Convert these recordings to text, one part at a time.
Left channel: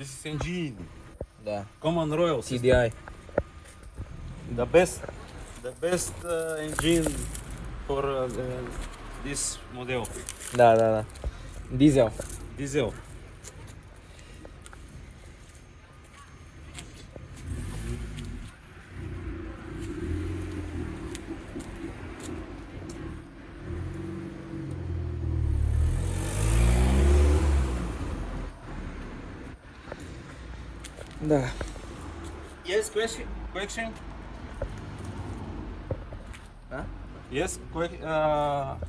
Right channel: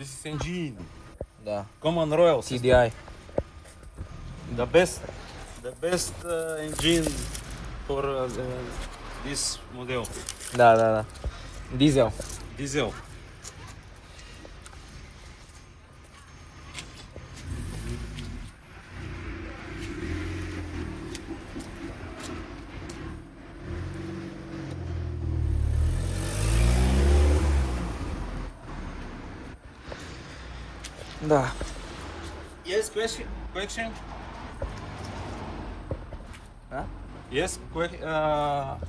This is engine. Да. Common Royal system. TDI. The best engine for this model. Да. Дизел. Diesel. Да. Yes, question? А? Yes,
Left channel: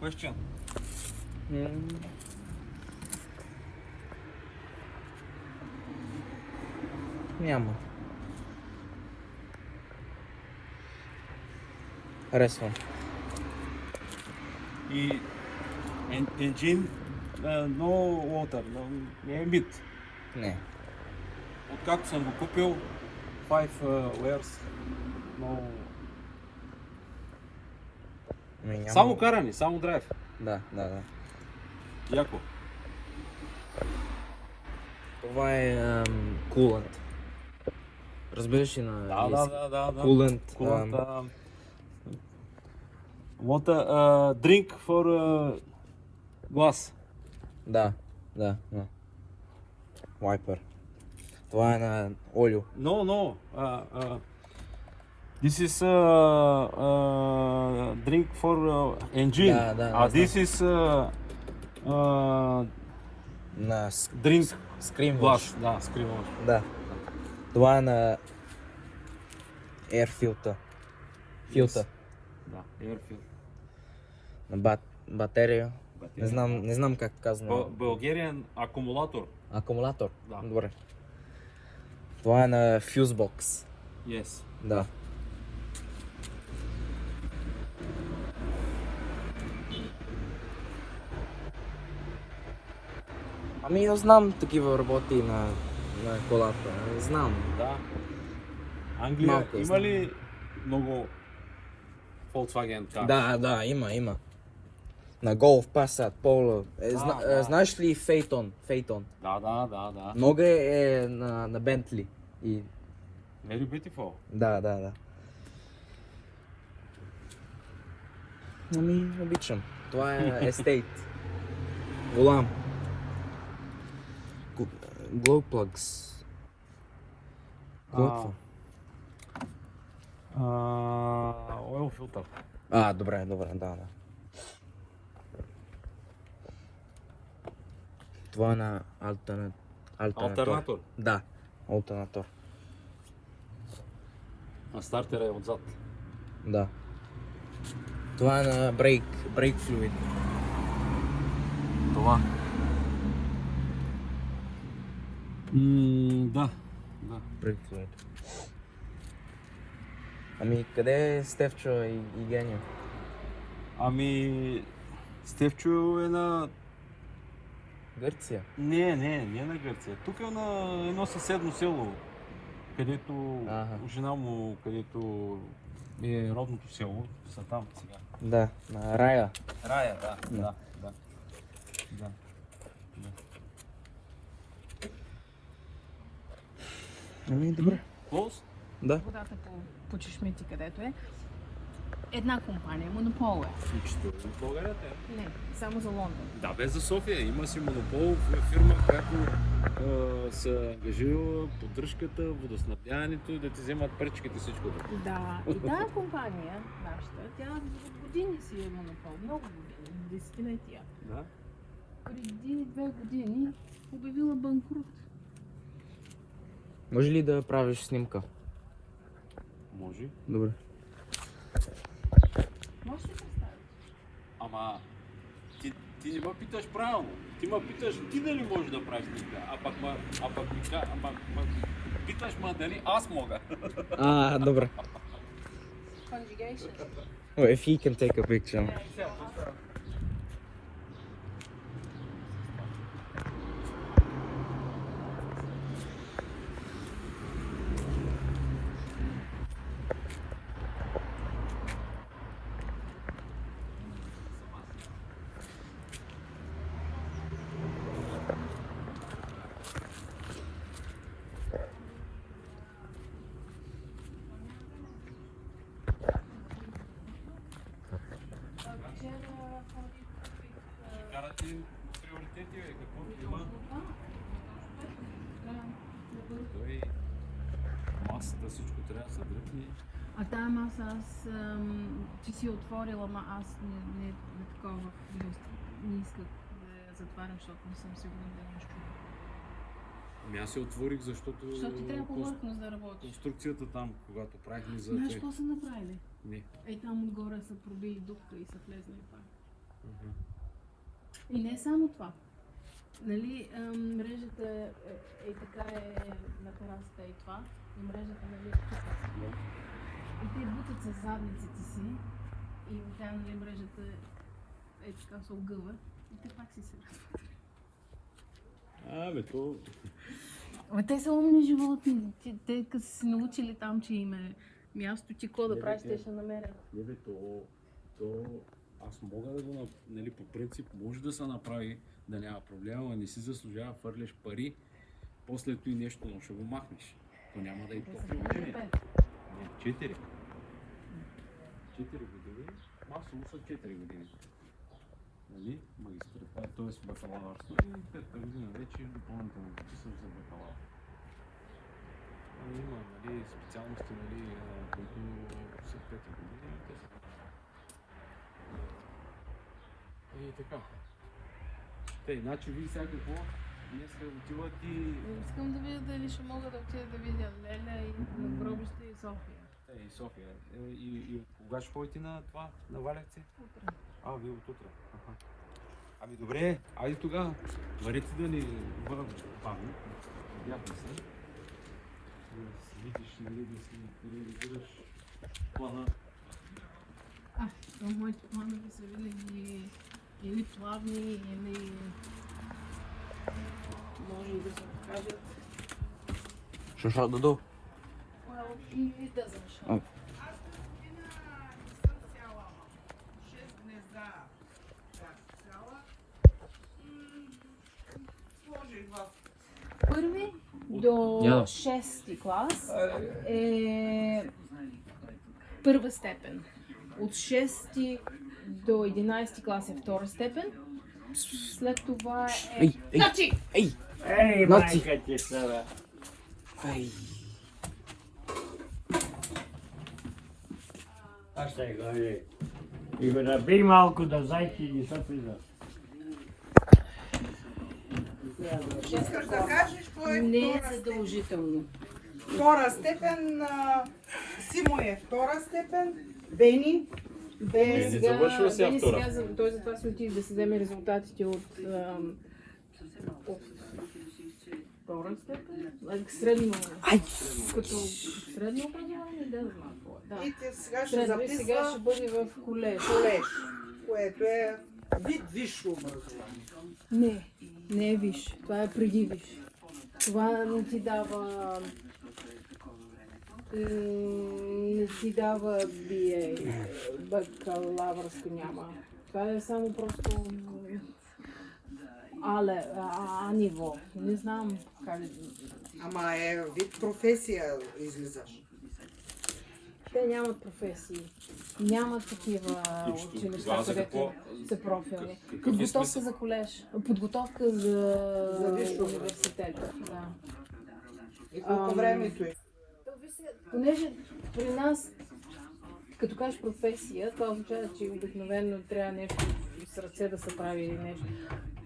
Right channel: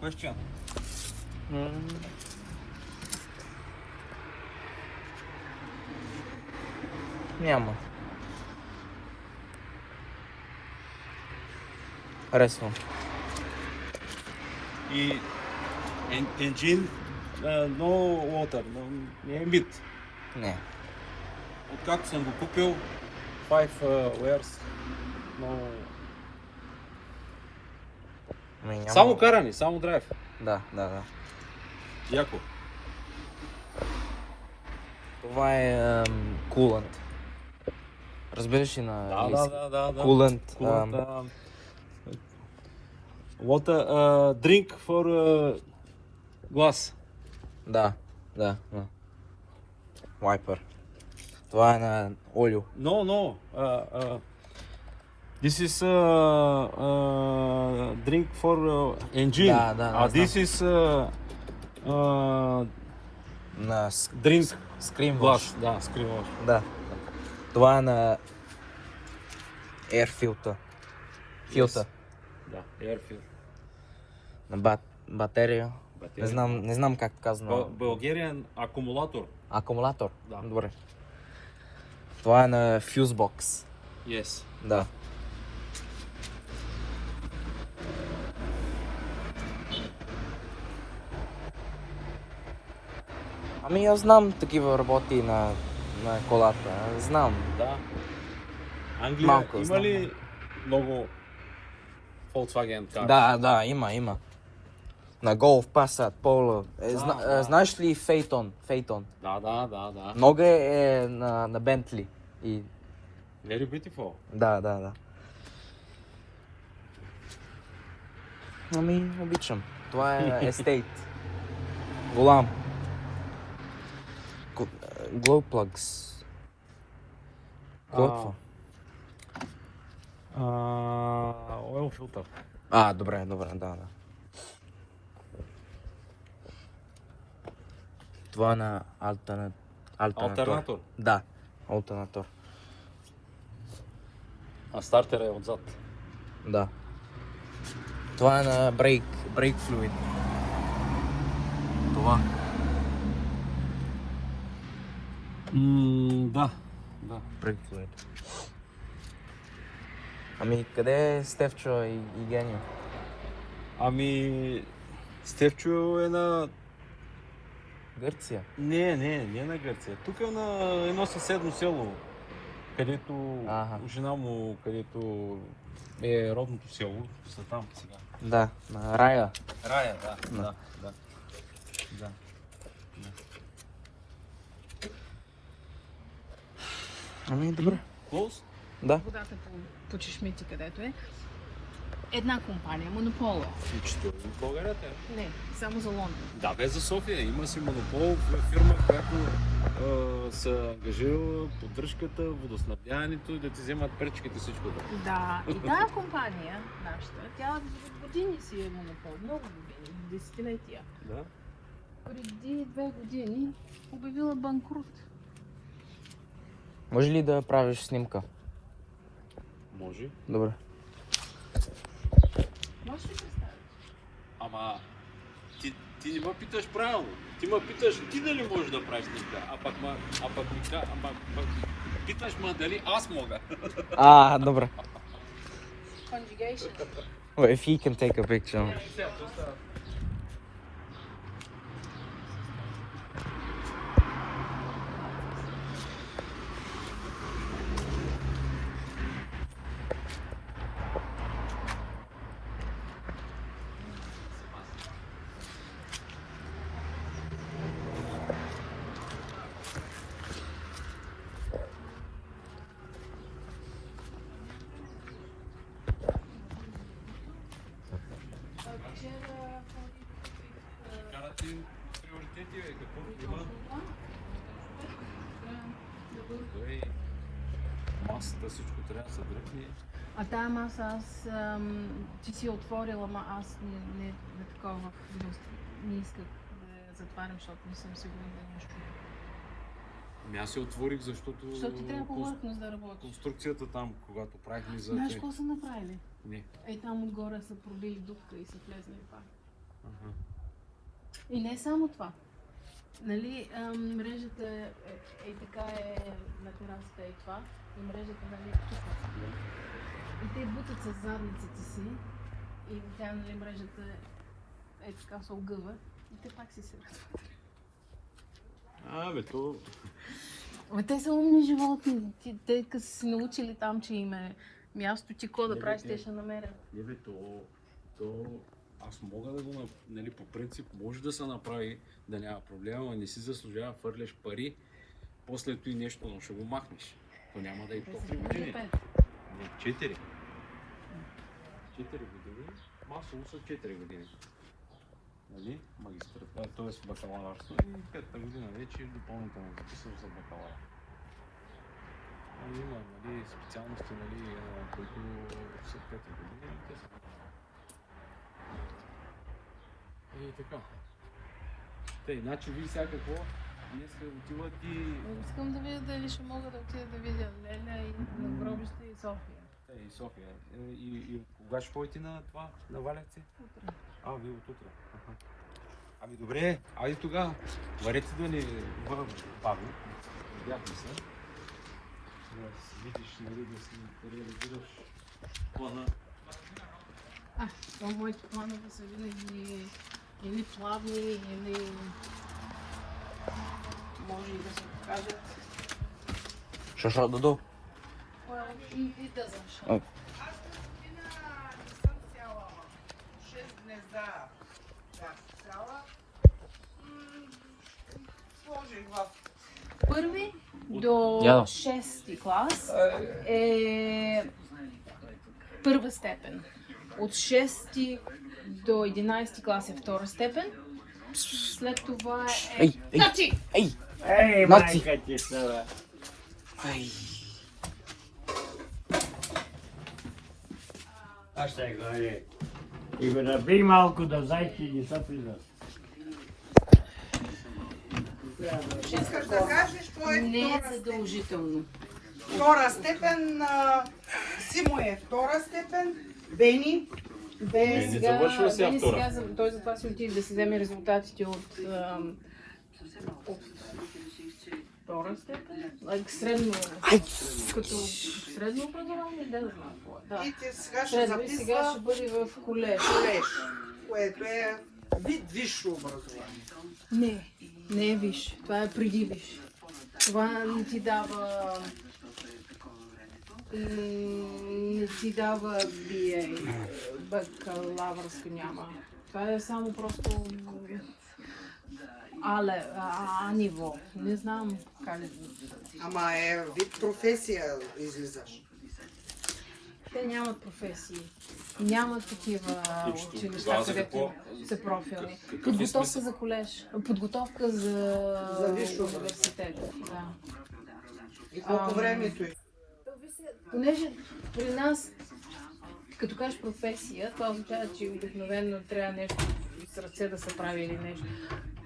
question. Няма. Харесвам. И engine, no water, не е мит. Не. Откакто съм го купил, 5 wears, но... Няма. Само каране, само драйв. Да. Яко. Това е кулант. Разбираш ли на английски? Да. Кулант. Water, drink for glass. Да. Вайпер. Това е на олио. No. This is drink for engine. Да, This is На drink скрин glass. Да, screen wash. Да. Това е на air filter. Филтър. Да, air filter. На батерия. Не знам как казва. Bulgarian акумулатор. Акумулатор? Да. Добре. Това е на Fusebox. Yes. Да. Ами аз знам такива работи на колата. Знам. Да. Англия Малко, има знам. ли много Volkswagen cars? Да, има. На Golf, Passat, Polo. Знаеш ли Phaeton? Да. Много е на Bentley. И... Very beautiful. Да. Ами, обичам. Това е естейт. Голям. Glow plugs. Какво? Oil filter. Добре, да. Това е на альтернатор. Да, альтернатор. А стартера е отзад. Да. Това е на брейк флуид. Това. Да. Брейк флуид. Ами, къде е Стефчо и Генио? Ами, Стефчо е на... Гърция. Не на Гърция. Тук е на едно съседно село, където жена му, където е родното село, са там сега. Да, на Рая. Рая, да. Ами, добре. Close? Да. Водата по чешмици, където е. Една компания, монопол е. Включително и в България е. Не, само за Лондон. Да, без за София. Има си монопол, фирма, която се ангажира поддръжката, водоснабдяването, да ти вземат пречките и всичко. Да, и тази компания, нашата, тя години си е монопол, много години, десетилетия. Да? Преди 2 години обявила банкрут. Може ли да правиш снимка? Може. Добре. Може ли да стане? Ама ти не ме питаш правилно. Ти ме питаш ти дали можеш да правиш снимка, питаш ме дали аз мога. Добре. Conjugation. Well, if he can take a picture. масата всичко трябва да се дръпне. А тая маса аз, ти си отворила, ама аз не такова, не исках да я затварям, защото не съм сигурна да е нещо. Ами аз се отворих, защото... Защото ти трябва повърхност да работиш. Конструкцията там, когато правихме за... Знаеш какво са направили? Не. Ей там отгоре са пробили дупка и са влезнали пак. И не само това. Нали, мрежата е така на терасата и това. И мрежата, нали, тук. И те бутат с задниците си. И тя, нали, мрежата е така се огъва. И те пак си се радват. Бе, то... Те са умни животни. Те като са се научили там, че им е място, ти какво да правиш, те ще намерят. Не бе, то... Аз мога да го, нали, по принцип, може да се направи, да няма проблема, но не си заслужава, фърляш пари, после той нещо, но ще го махнеш. То няма да е толкова години. 4. 4 години? Масово са 4 години. Нали? Магистратура, т.е. бакалавърство. И 5-та година вече допълнително записвам за бакалавър. Има, нали, специалности, нали, които са 5-та година, те са. И така. Те, значи вие сега какво? Днеска отиват и... Искам да видя дали ще мога да отида да видя Леля и на Гробище и София. И София. И кога ще ходите на това, на Валевци? Утре. Вие от утре. Ами добре, айде тогава. Варете да ни бавим. Бяхме се. Да си видиш, нали, да си реализираш плана. То моите планове са винаги или плавни, или може и да се покажат. Що Додо? И да защо. Ой. Аз година не съм цяла, 6 гнезда бях цяла. Сложих в Първи до Яно. 6 клас е първа степен. От 6 до 11 клас е втора степен. След това е... Ей! Значи! Ей! Ей, Мати! майка ти сара! Ей! Аз ще говори. И го набий малко да знае, че не са признат. Искаш да кажеш, кой Не е е втора степен? задължително. Втора степен, Симо е втора степен, Бени. Бе, сега, завършва сега Бени втора. сега, той затова си отиде да си вземе резултатите от втора степен, средно, като средно образование, да знам какво е. Да. И ти сега ще Средно и сега ще записва бъде в колеж. колеж, което е вид висше образование. Не е виж, това е преди виж. Това не ти дава BA, бакалавърско няма. Това е само просто А ниво. Не знам как да... Ама е вид професия излизаш. Те нямат професии. Нямат такива училища, където са профилни. Подготовка за колеж. Подготовка за висше университет. Да. И колко времето е? Понеже при нас, като кажеш професия, това означава, че обикновено трябва нещо с ръце да се прави или нещо.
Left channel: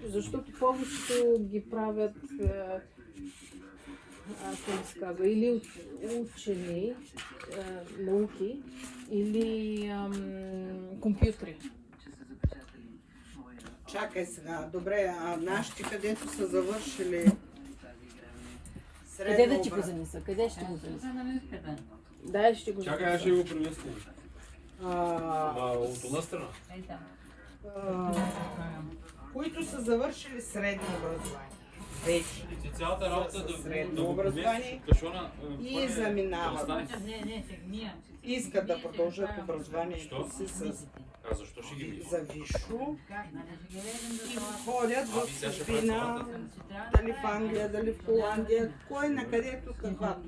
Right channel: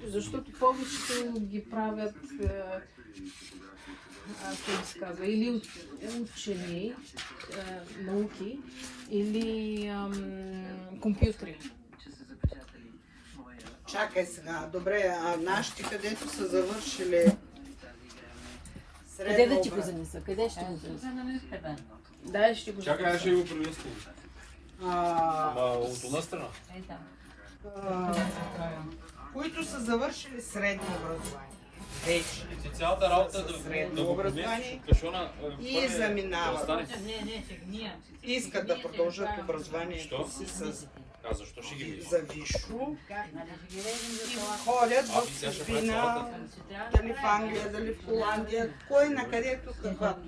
Защото повечето ги правят, как се казва, или учени, науки, или компютри. Чакай сега, добре, а нашите, където са завършили Къде да ти го занеса? Къде ще го занеса? Да, ще го Чакай, аз ще го приветствам. От една страна. които са завършили средно образование. Вече. Цялата работа да образование кашона и заминават. остане. Искат да продължат образованието си с А защо ще ги видиш? За Вишо Нали ще ги лезем за и това. ходят А, в сега ще прави чужбина, цялата. дали в Англия, дали в Холандия, кой на където каквато.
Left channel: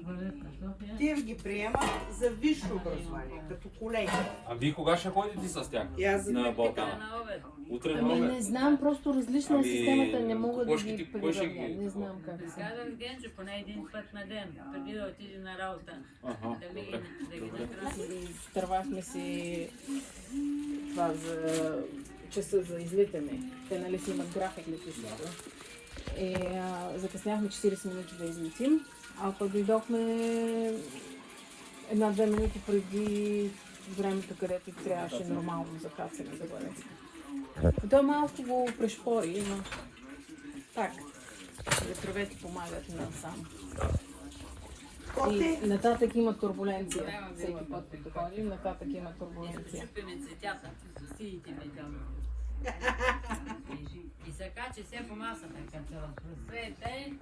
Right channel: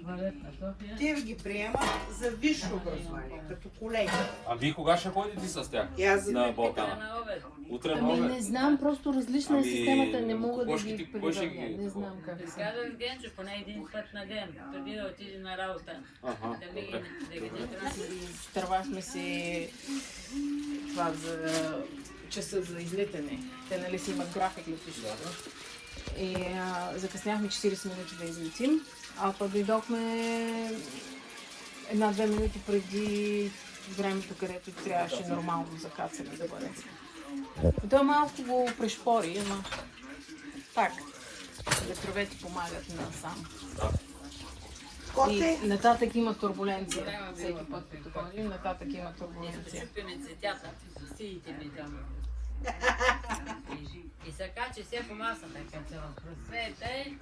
Те ги приемат за висше образование, като колеги. А вие кога ще ходите с тях? И аз за На тях Балкана? На обед. Утре на Ами обед? не знам, просто различна е Ами, системата, не мога да кой ще ги ги- кой ще ги- прибавя. Не знам как да се. Казах Генчо, поне един път на ден, преди да отиде на работа. Ага, Да ми добре. да ги накрасим. Изтървахме си това за часа за излитане. Те нали си имат график летището. И закъсняхме 40 минути да излетим, а пък дойдохме 1-2 минути преди времето, където трябваше нормално за хацане да бъде. То малко го пришпори, но так. Ветровете помагат насам. Коте, И нататък има турбуленция. Всеки път, като ходим, нататък има турбуленция. Чупени цветята, сиите ми там. И се качи все по масата, като се разпросвете,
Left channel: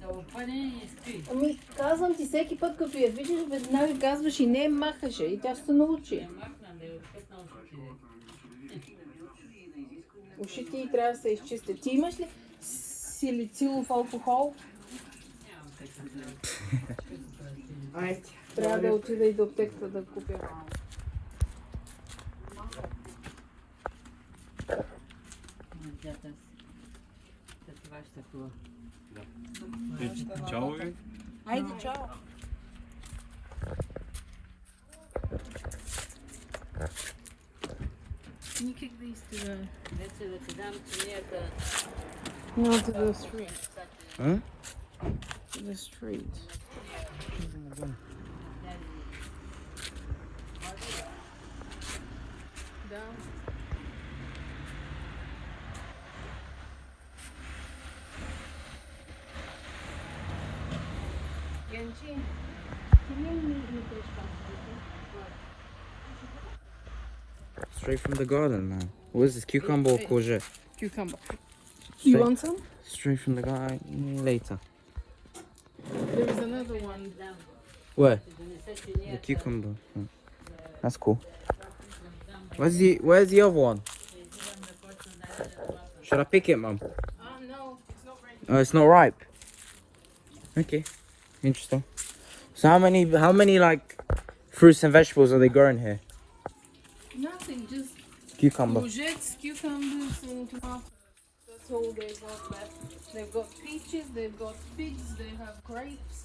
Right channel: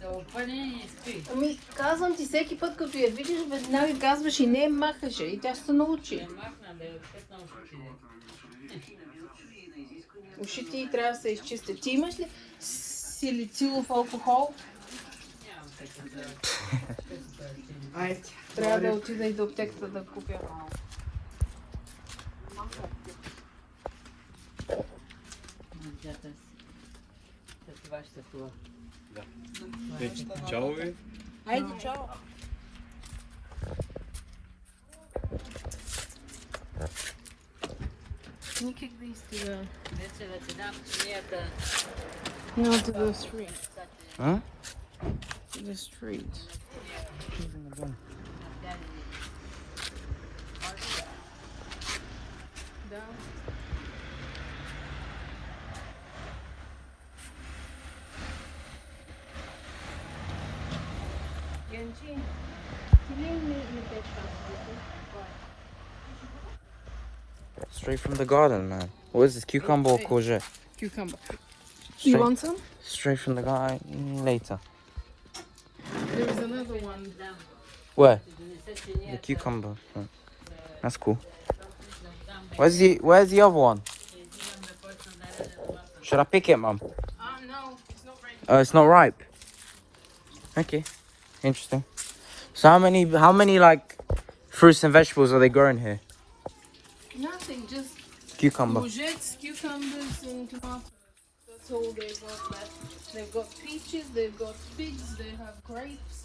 се опъне и спи. Ами, казвам ти, всеки път, като я видиш, веднага казваш и не махаше. И тя ще се научи. Ще махна да я пътна ушите. Ушите й трябва да се изчистят. Ти имаш ли силицилов алкохол? Нямам такива. айде, Трябва да отида и до аптеката да купя малко. Децата си. За това ще се хубаво. Чао ви. Айде, чао! Никак да изтига. Дете да ти дам чинията. No, to the street. Huh? To the street. Янчин, ти ли ми тече? Straight from the garden, man. What is this, cucumber or courgette? Cucumber. You Straight, want some? straight from the garden later. There was another one. Where? The cucumber. Oh, that's cool. Where's the other one? Should I pick it, Mum? No, it's not ready. Oh, it's not ripe. Okay, interesting. So how many like fruits and vegetables are they growing here? Nothing, just Cucumber. courgettes, cucumbers, and tomatoes. That's all they've got left. They've got peaches, they've got figs, they have grapes.